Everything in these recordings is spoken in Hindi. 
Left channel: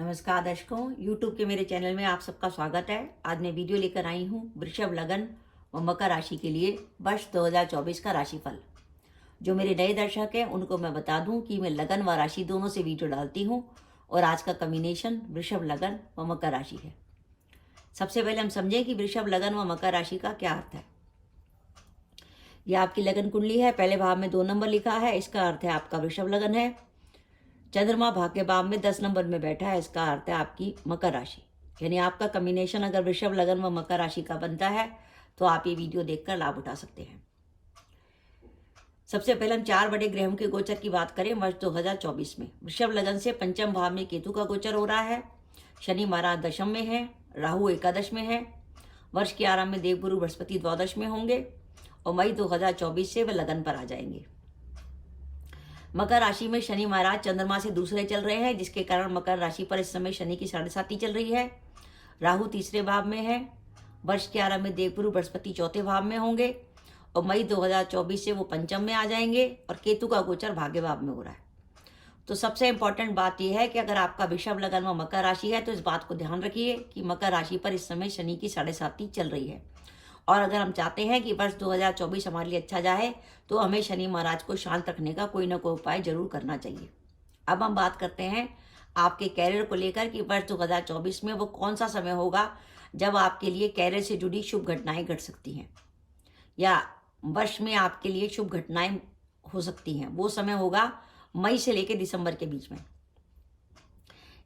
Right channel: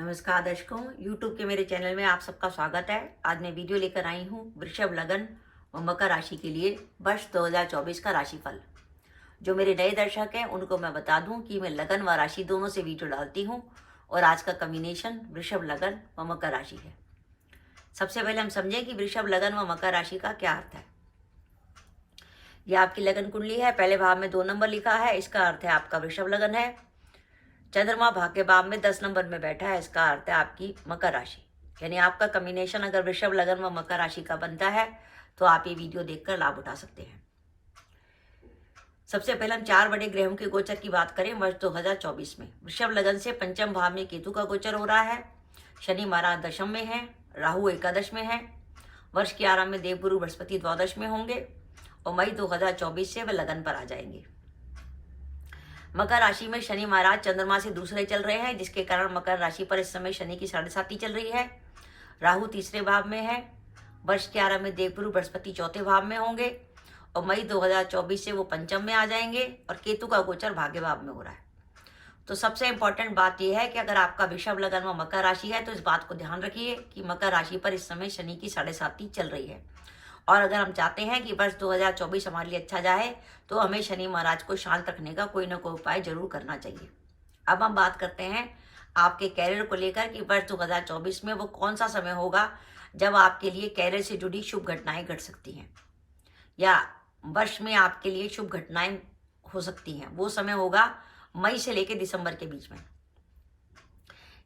नमस्कार दर्शकों, YouTube के मेरे चैनल में आप सबका स्वागत है। आज मैं वीडियो लेकर आई हूँ वृषभ लगन व मकर राशि के लिए वर्ष 2024 का राशिफल। जो मेरे नए दर्शक हैं उनको मैं बता दूं कि मैं लगन व राशि दोनों से वीडियो डालती हूँ और आज का कॉम्बिनेशन वृषभ लगन व मकर राशि है। सबसे पहले हम समझें कि वृषभ लगन व मकर राशि का क्या अर्थ है। यह आपकी लगन कुंडली है। पहले भाव में 2 नंबर लिखा है, इसका अर्थ है आपका वृषभ लगन है। चंद्रमा भाग्य भाव में 10 नंबर में बैठा है, इसका अर्थ है आपकी मकर राशि। यानी आपका कॉम्बिनेशन अगर वृषभ लगन व मकर राशि का बनता है तो आप ये वीडियो देखकर लाभ उठा सकते हैं। सबसे पहले हम 4 बड़े ग्रहों के गोचर की बात करें वर्ष 2024 में। वृषभ लगन से पंचम भाव में केतु का गोचर हो रहा है। शनि महाराज दशम में है, राहु एकादश में है। वर्ष के आरंभ में देवगुरु बृहस्पति द्वादश में होंगे और मई 2024 से वे लगन पर आ जाएंगे। मकर राशि में शनि महाराज चंद्रमा से दूसरे चल रहे हैं, जिसके कारण मकर राशि पर इस समय शनि की 7.5 चल रही है। राहु तीसरे भाव में है। वर्ष के आरंभ में देवगुरु बृहस्पति चौथे भाव में होंगे और मई 2024 से वो पंचम में आ जाएंगे और केतु का गोचर भाग्य भाव में हो रहा है। तो सबसे इंपॉर्टेंट बात यह है कि अगर आपका वृषभ लगन व मकर राशि है तो इस बात को ध्यान रखिए कि मकर राशि पर इस समय शनि की 7.5 चल रही है और अगर हम चाहते हैं कि वर्ष 2024 हमारे लिए अच्छा जाए तो हमें शनि महाराज को शांत रखने का कोई ना कोई उपाय जरूर करना चाहिए। अब हम बात करते हैं आपके कैरियर को लेकर कि वर्ष 2024 में वो कौन सा समय होगा जब आपके लिए कैरियर से जुड़ी शुभ घटनाएं घट सकती हैं या वर्ष में आपके लिए शुभ घटनाएं हो सकती हैं। वो समय होगा मई से लेकर दिसंबर के बीच में।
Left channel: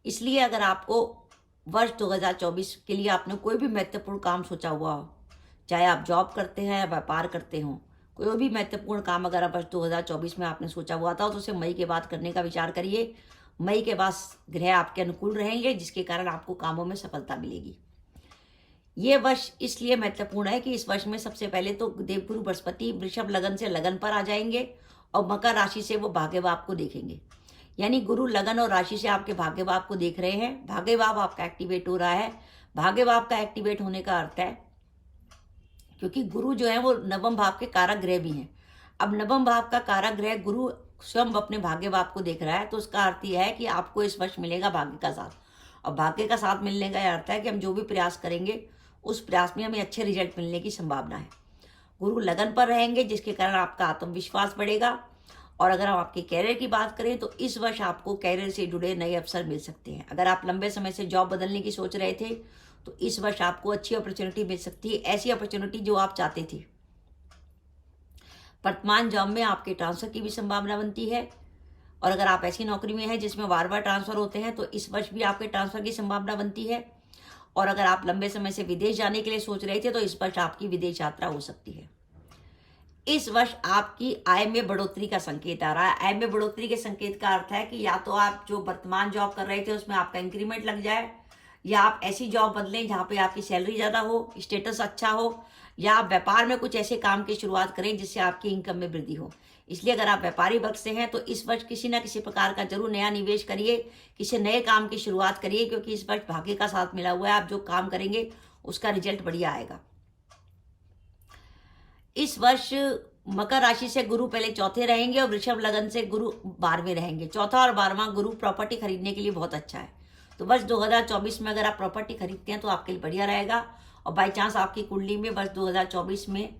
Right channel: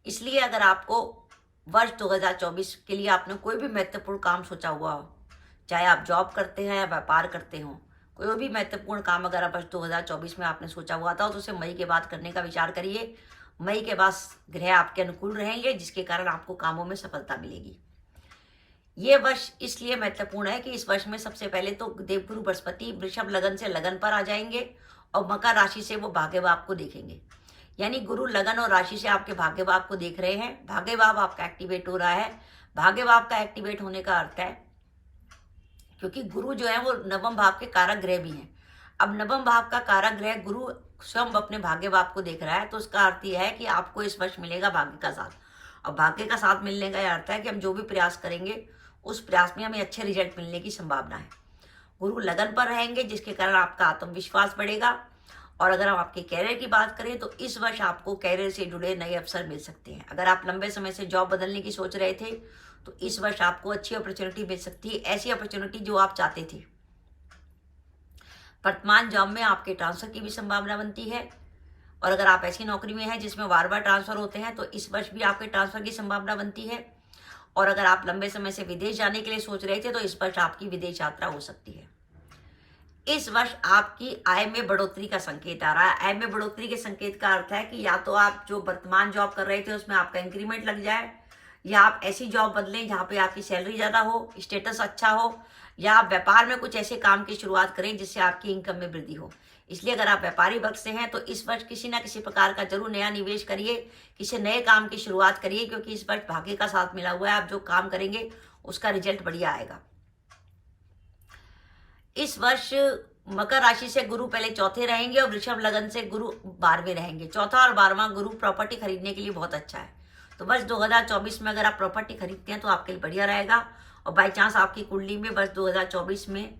इसलिए अगर आपको वर्ष 2024 के लिए आपने कोई भी महत्वपूर्ण काम सोचा हुआ हो, चाहे आप जॉब करते हैं या व्यापार करते हो, कोई भी महत्वपूर्ण काम अगर वर्ष 2024 में आपने सोचा हुआ था तो उसे मई के बाद करने का विचार करिए। मई के बाद ग्रह आपके अनुकूल रहेंगे, जिसके कारण आपको कामों में सफलता मिलेगी। ये वर्ष इसलिए महत्वपूर्ण है कि इस वर्ष में सबसे पहले तो देवगुरु बृहस्पति वृषभ लगन से लगन पर आ जाएंगे और मकर राशि से वो भाग्य भाव को देखेंगे। यानी गुरु लगन और राशि से आपके भाग्य भाव को देख रहे हैं। भाग्य भाव आपका एक्टिवेट हो रहा है। भाग्य भाव का एक्टिवेट होने का अर्थ है क्योंकि गुरु जो है वो नवम भाव के कारक ग्रह भी हैं। अब नवम भाव का कारक ग्रह गुरु स्वयं अपने भाग्य भाव को देख रहा है, तो उसका अर्थ यह है कि आपको इस वर्ष मिलेगा भाग्य का साथ। और भाग्य का साथ मिलने का यह अर्थ है कि हम जो भी प्रयास करेंगे उस प्रयास में हमें अच्छे रिजल्ट मिलने की संभावना है। गुरु लगन पर रहेंगे, जिसके कारण आपका आत्मविश्वास बढ़ेगा। और अगर हम आपके कैरियर की बात करें तो इस वर्ष आपको कैरियर से जुड़े नए अवसर मिल सकते हैं। अगर आप लंबे समय से जॉब बदलने की सोच रहे थे तो इस वर्ष आपको अच्छी अपॉर्चुनिटी मिल सकती है, ऐसी अपॉर्चुनिटी जो आप चाहते थे। वर्तमान जॉब में आपके ट्रांसफर की भी संभावना बनती है और अगर आप ऐसी नौकरी में हैं जिसमें बार बार ट्रांसफर होते हैं तो इस वर्ष भी आपके ट्रांसफर की संभावना बनती है। और अगर आप लंबे समय से विदेश जाने के लिए सोच रहे थे तो इस वर्ष आपकी विदेश यात्रा हो सकती है। इस वर्ष आपकी आय में बढ़ोतरी का संकेत आ रहा है। आय में बढ़ोतरी के संकेत का अर्थ है कि या तो आप जो वर्तमान जॉब कर रहे थे उसमें आपका इंक्रीमेंट लग जाए, या आप ऐसी जॉब बदलें जहां पे आपकी सैलरी ज्यादा हो, स्टेटस अच्छा हो, या आप व्यापार में कुछ ऐसे काम की शुरुआत करें जिससे आपकी इनकम में वृद्धि हो। इसलिए अगर आप व्यापारी वर्ग से हैं तो इस वर्ष किसी ना किसी प्रकार का जरूर नया निवेश करिए, किसी नए काम की शुरुआत करिए, क्योंकि इस वर्ष भाग्य का साथ मिला हुआ है। आप जो काम करेंगे उसका रिजल्ट बढ़िया आएगा। इस वर्ष मकर राशि से गुरु पहले चौथे रहेंगे और वृषभ लगन से गुरु 12वें रहेंगे। चौथा और 12वां गुरु प्रॉपर्टी खरीदने के लिए बहुत अच्छा है। तो वर्ष 2024 में अगर आप प्रॉपर्टी खरीदते हैं तो आपके लिए बढ़िया रहेगा। और बाई चांस आपकी कुंडली में वर्ष 2024 में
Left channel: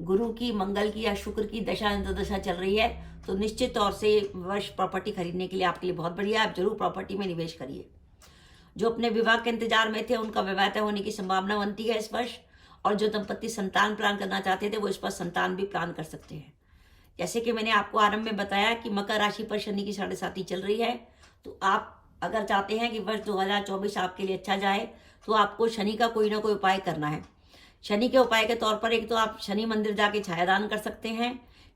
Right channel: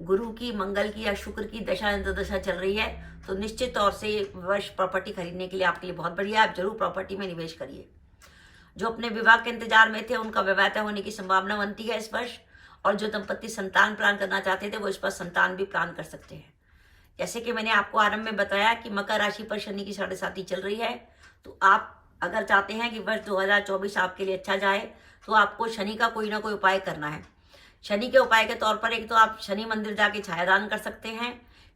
गुरु की, मंगल की या शुक्र की दशा अंतर्दशा चल रही है तो निश्चित तौर से वर्ष प्रॉपर्टी खरीदने के लिए आपके लिए बहुत बढ़िया है। आप जरूर प्रॉपर्टी में निवेश करिए। जो अपने विवाह के इंतजार में थे उनका विवाह तय होने की संभावना बनती है इस वर्ष। और जो दंपत्ति संतान प्लान करना चाहते थे वो इस पर संतान भी प्लान कर सकते हैं। जैसे कि मैंने आपको आरंभ में बताया कि मकर राशि पर शनि की 7.5 चल रही है, तो आप अगर चाहते हैं कि वर्ष 2024 आपके लिए अच्छा जाए तो आपको शनि का कोई ना कोई उपाय करना है। शनि के उपाय के तौर पर एक तो आप शनि मंदिर जाके छायादान कर सकते हैं।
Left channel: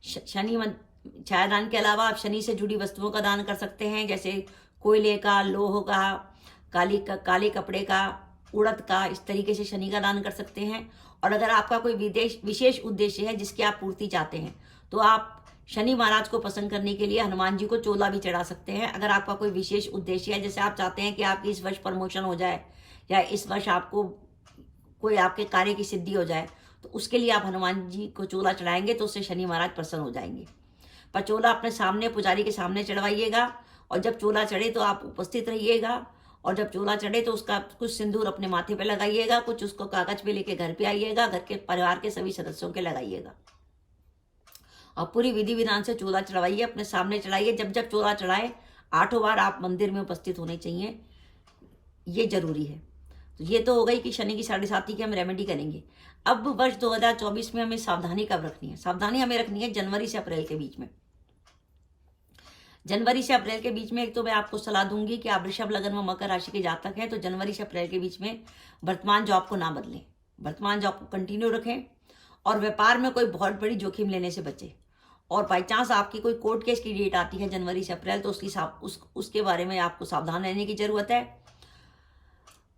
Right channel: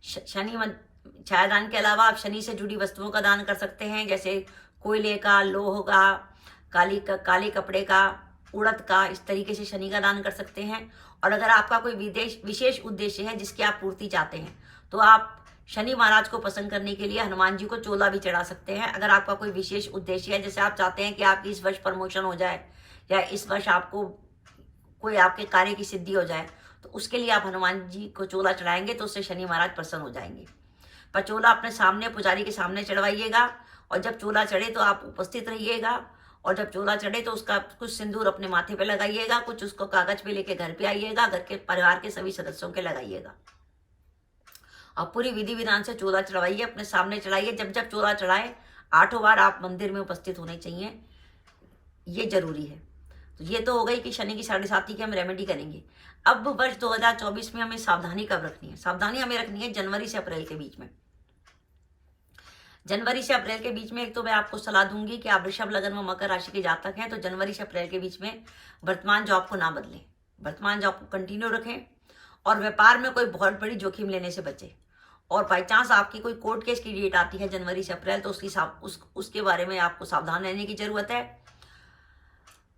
छायादान के अलावा आप शनि से जुड़ी वस्तुओं का दान कर सकते हैं, जैसे कोयले का, लोह का, काले कपड़े का, उड़द का। इस तरीके से शनि का दान कर सकते हैं। और अगर आपका कोई विशेष उद्देश्य है जिसकी आप पूर्ति चाहते हैं तो आप शनि महाराज को पसंद करने के लिए हनुमान जी को चोला भी चढ़ा सकते हैं। अगर आपका कोई विशेष उद्देश्य है, जैसे आप चाहते हैं कि आपकी इस वर्ष प्रमोशन हो जाए या इस वर्ष आपको कोई आपके कार्य की सिद्धि हो जाए, तो उसके लिए आप हनुमान जी को चोला चढ़ाएंगे तो उससे शनि महाराज प्रसन्न हो जाएंगे। पर चोला अपने सामने, पुजारी के सामने चढ़वाइएगा और जब चोला चढ़े तो आप उपस्थित रहिएगा और जब चोला चढ़े तो उसका कुछ सिंदूर अपने माथे पे लगाइएगा, कुछ उसको कागज पे लेके घर पे आइएगा, घर के परिवार के सभी सदस्यों के लगाइएगा और पूरी विधि विधान से चोला चढ़वाइए, अपने सामने चढ़ाइए। जब जब चोला चढ़ाए 8 बार आप मंदिर में उपस्थित होने चाहिए, ये जरूरी है। तो ये तो हो गई कि शनि की 7.5 की हम रेमेडी करेंगे। अब वर्ष 2024 में हमें सावधानी कब रखनी है? सावधानी हमें रखनी है जनवरी से अप्रैल के बीच में। जनवरी से अप्रैल के बीच में एक तो मैं आपको सलाह दूंगी कि आप वृषभ लगन व मकर राशि के जातक हैं तो जनवरी से अप्रैल के बीच में वर्तमान जॉब को ना बदलें, वर्तमान जॉब को कंटिन्यू रखें और व्यापार में कोई बहुत बड़ी जोखिम लेने से बचें। और बाई चांस आपकी कोई कोर्ट केस की डेट आती है जनवरी से अप्रैल तो उसके बारे में आपको सावधान रहने की जरूरत है।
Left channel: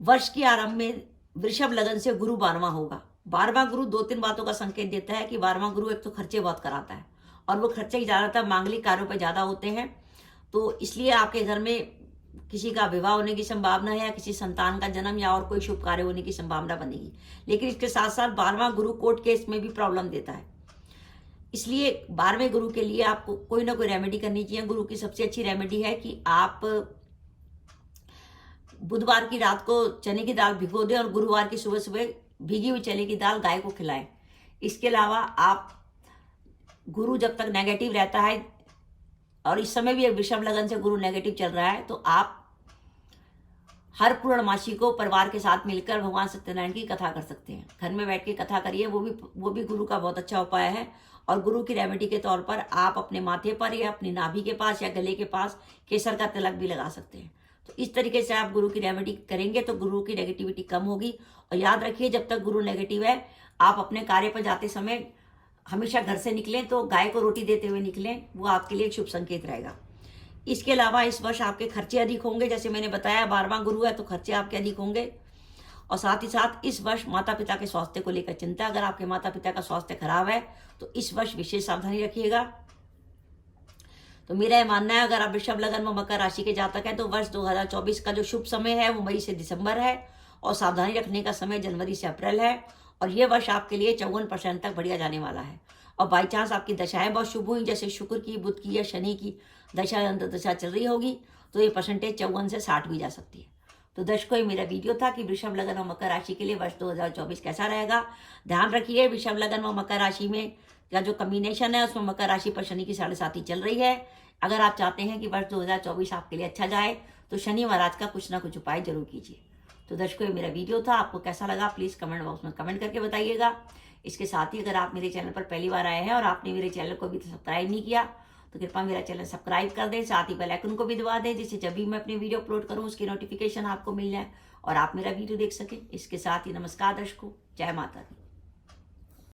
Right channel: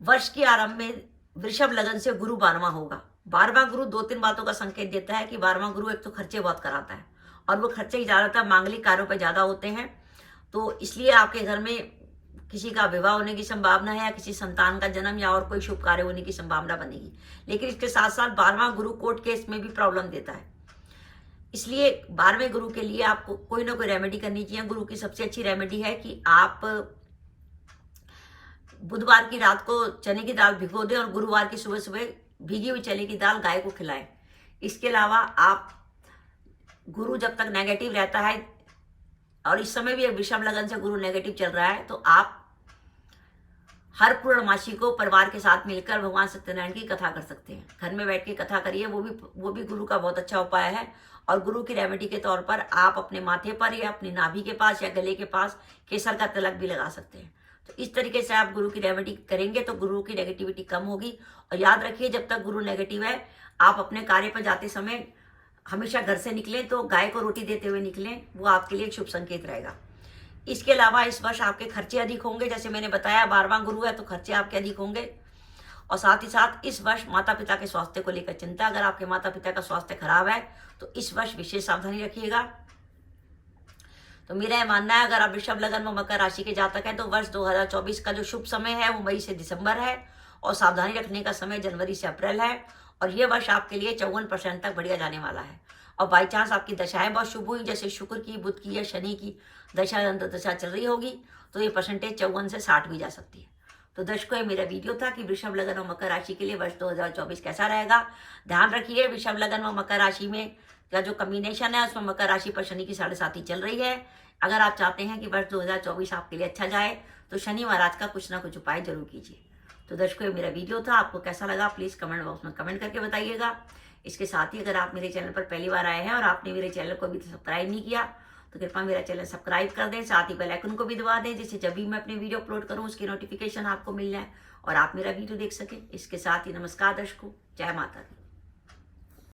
वर्ष के आरंभ में वृषभ लगन से गुरु 12वां होगा। 12वां गुरु 2-3 बातों का संकेत देता है कि 12वां गुरु एक तो खर्चे बहुत कराता है और वो खर्चे ज्यादातर मांगलिक कार्यों पर ज्यादा होते हैं, तो इसलिए आपके घर में किसी का विवाह होने की संभावना है या किसी संतान का जन्म या और कोई शुभ कार्य होने की संभावना बनेगी। लेकिन इसके साथ साथ 12वां गुरु कोर्ट केस में भी प्रॉब्लम देता है, इसलिए 12वें गुरु के लिए आपको कोई ना कोई रेमेडी करनी चाहिए। गुरु की सबसे अच्छी रेमेडी है कि आप बुधवार की रात को चने की दाल भिगो दें और गुरुवार की सुबह सुबह भीगी हुई चने की दाल गाय को खिलाएं। इसके अलावा आप गुरु जब तक नेगेटिव रहता है और इस समय भी वृषभ लगन से गुरु नेगेटिव चल रहा है तो आप हर पूर्णमासी को परिवार के साथ मिलकर भगवान सत्यनारायण की कथा कर सकते हैं। घर में बैठ के कथा करिए, वो भी गुरु का बहुत अच्छा उपाय है। और गुरु की रेमेडी के तौर पर आप अपने माथे पर या अपनी नाभि के पास या गले के पास केसर का तिलक भी लगा सकते हैं। तो इस तरीके से आप गुरु की रेमेडी करेंगे तो गुरु की नेगेटिविटी कम होगी। और याद रखिए, जब तक गुरु नेगेटिव है आप अपने कार्य पर जाते समय हमेशा घर से निकलें तो गाय को रोटी देते हुए निकलें, वो आपके लिए एक शुभ संकेत रहेगा। इसके अलावा इस वर्ष आपके खर्चे अधिक होंगे, जैसे मैंने बताया 12वां गुरु है तो खर्चे आपके अधिक होंगे। और साथ ही साथ इस वर्ष माता पिता के स्वास्थ्य को लेकर चिंता, अगर आपके माता पिता का स्वास्थ्य खराब है तो इस वर्ष विशेष सावधानी रखिएगा। तो मेरा यह मानना है, अगर आप वृषभ लगन व मकर राशि के जातक हैं तो वर्ष 2024 का जो शुभ समय है वो मई से दिसंबर है और सावधानी रखने का समय जनवरी से अप्रैल है। और यह वर्ष आपके लिए 54% तक बढ़िया जाने वाला है। और बाई चांस आपकी दशाएं बहुत शुभ हुई, जैसे शुक्र की, बुध की या शनि की दशा दशा चल रही होगी तो ये परसेंटेज 54 से 60 भी जा सकती है। तो दर्शकों, ये मेरा वीडियो था कि वृषभ लगन और मकर राशि के लिए वर्ष 2024 कैसा रहेगा। ध्यान रखिए, वृषभ लगन व मकर राशि में का जो कॉम्बिनेशन है उसमें मकर राशि पर शनि की 7.5 चल रही है। अगर आप चाहते हैं कि वर्ष 2024 आपके लिए अच्छा जाए तो शनि महाराज का कुछ ना कुछ उपाय जरूर कीजिए। तो दर्शकों, ये मेरा वीडियो था, आपको कैसा लगा प्लीज कमेंट बॉक्स में कमेंट करके बताइएगा। इसके साथ ही अगर आप मेरे चैनल पर पहली बार आए हैं और आपने मेरे चैनल को अभी सब्सक्राइब नहीं किया तो कृपया मेरा चैनल सब्सक्राइब कर दें, साथ ही बेल आइकन को भी दबा दें जिससे जब भी मैं अपनी वीडियो अपलोड करूं उसकी नोटिफिकेशन आपको मिल जाए और आप मेरा वीडियो देख सकें। इसके साथ ही नमस्कार दर्शकों, जय माता दी।